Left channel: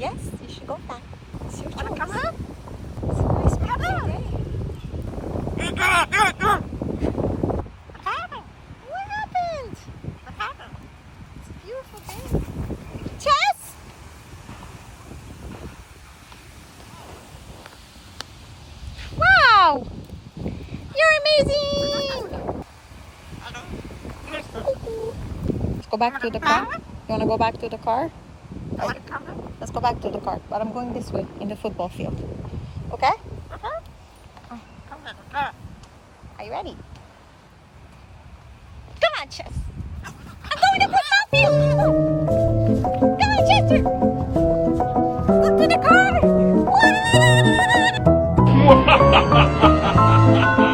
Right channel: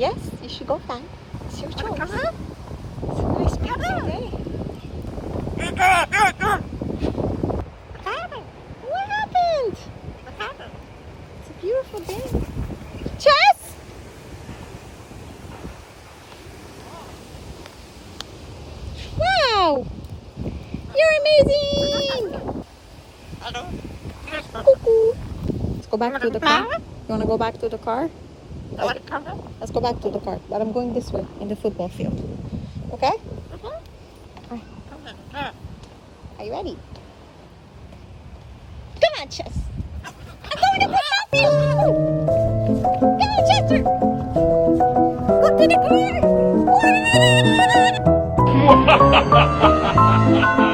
Yes, you should go flying. It's your Wanna choice. come out? It's a nice day. What happened? What happened? What happened? It's a beautiful day. Chess! Wow! You're amazing! Hello? Let's go back to the car. You want to go back to the car? Wanna come out? Let's go back to the car. But I'm going this way in the football field. Okay? Come on. Are you ready? Come on, Chess. I'm going to pick up you! Come on, Chester! Up to the car!